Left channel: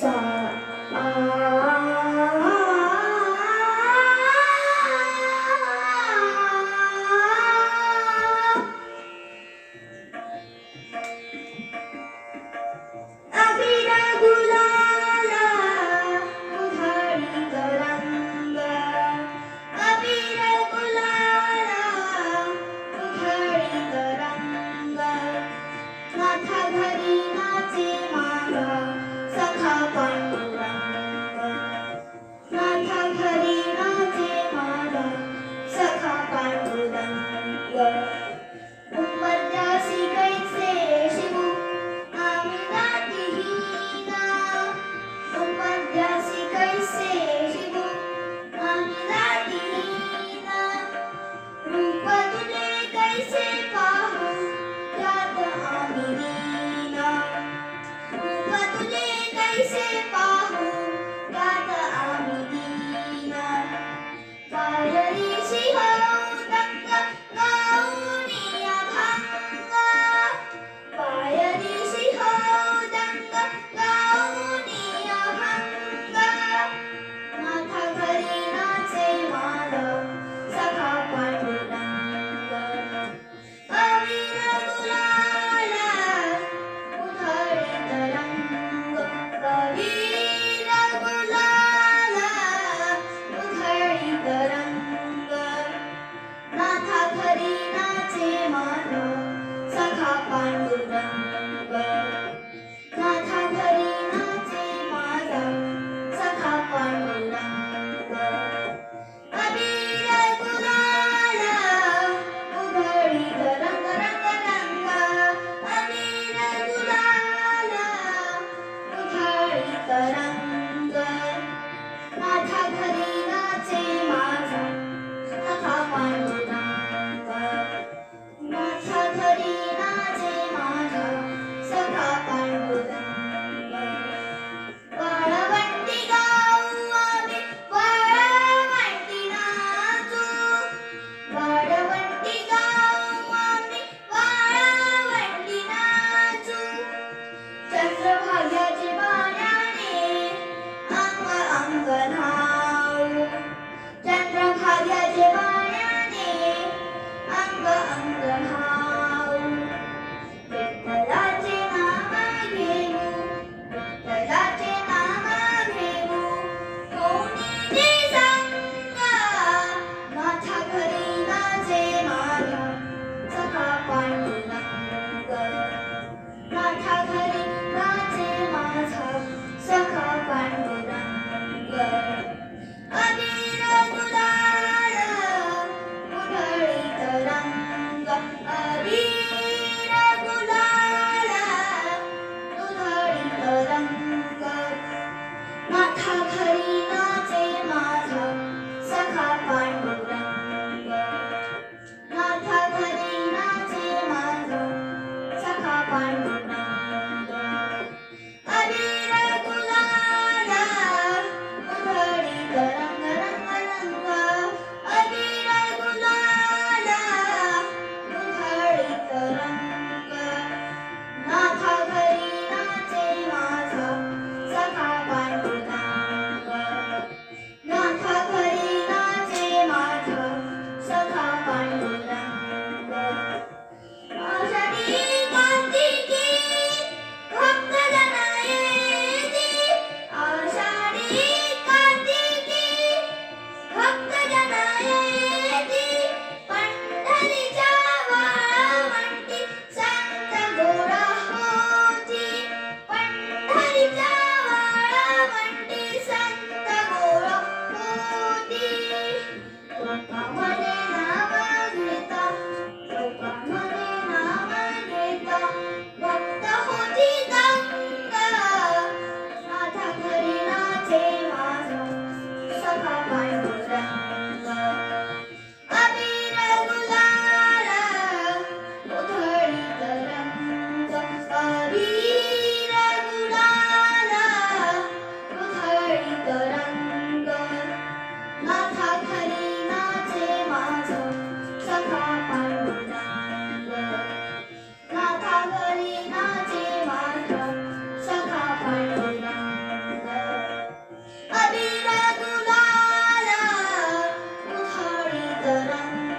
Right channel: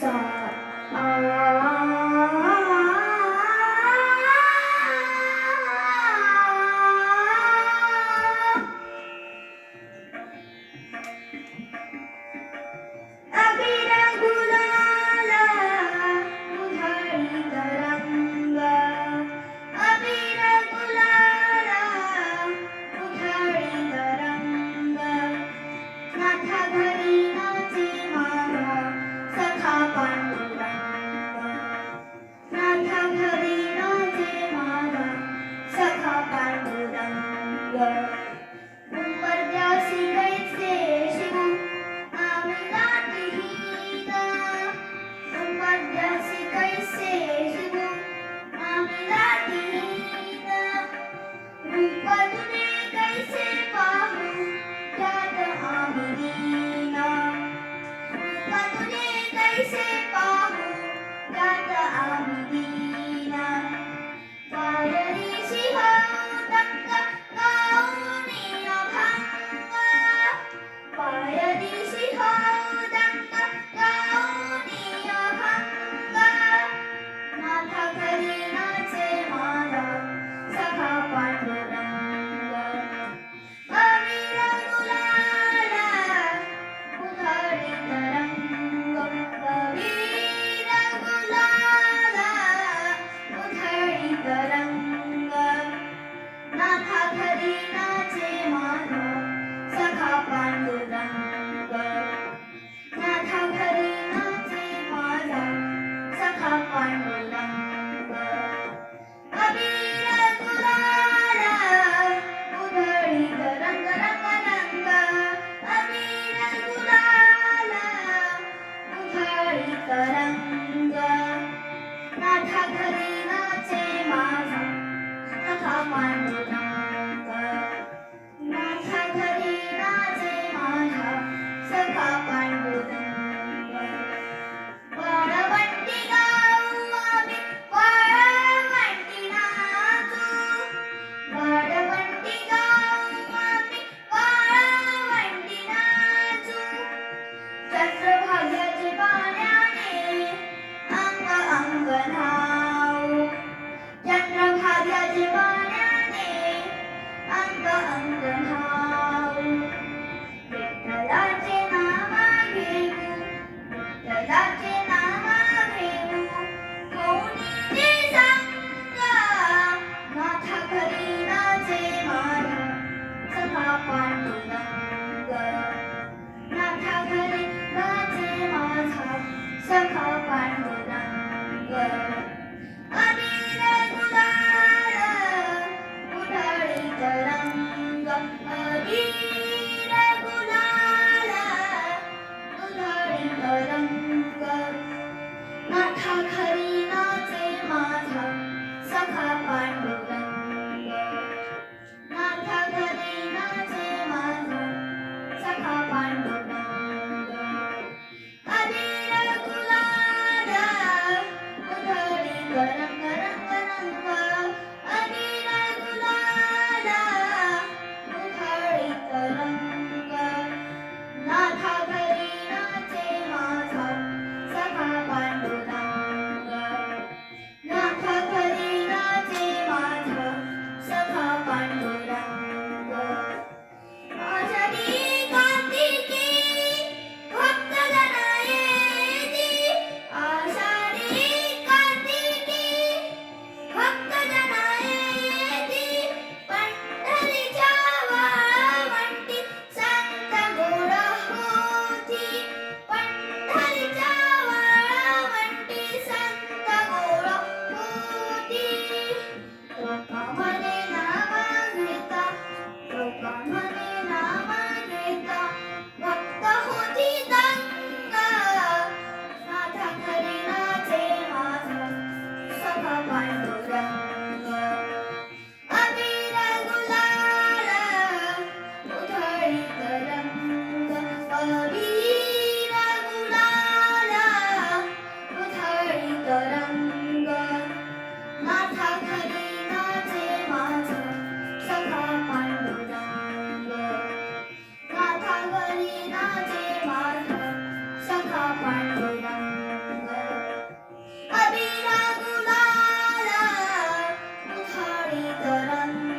सा आ अबीर गुलाला उधळी तरंग अबीर गुलाला उधळी तरंग नाथ घरी नाचे माग सखा पांडुरंग नाथ घरी नाचे माग सखा पांडुरंग उंबरठ्यासी कैसे शिवू आम्ही गाठीहीन उंबरठ्यासी कैसे शिवू आम्ही गाठीहीन रूप तुझे कैसे पाहू त्यात आम्ही दीन रूप तुझे कैसे पाहू त्यात आम्ही दीन पायरी शिवदंग गाऊनी अभंग पायरी शिवदंग गाऊनी अभंग नाथ घरी नाचे माग सखा पांडुरंग अबीर गुलाला उधळी तरंग अबीर तरंग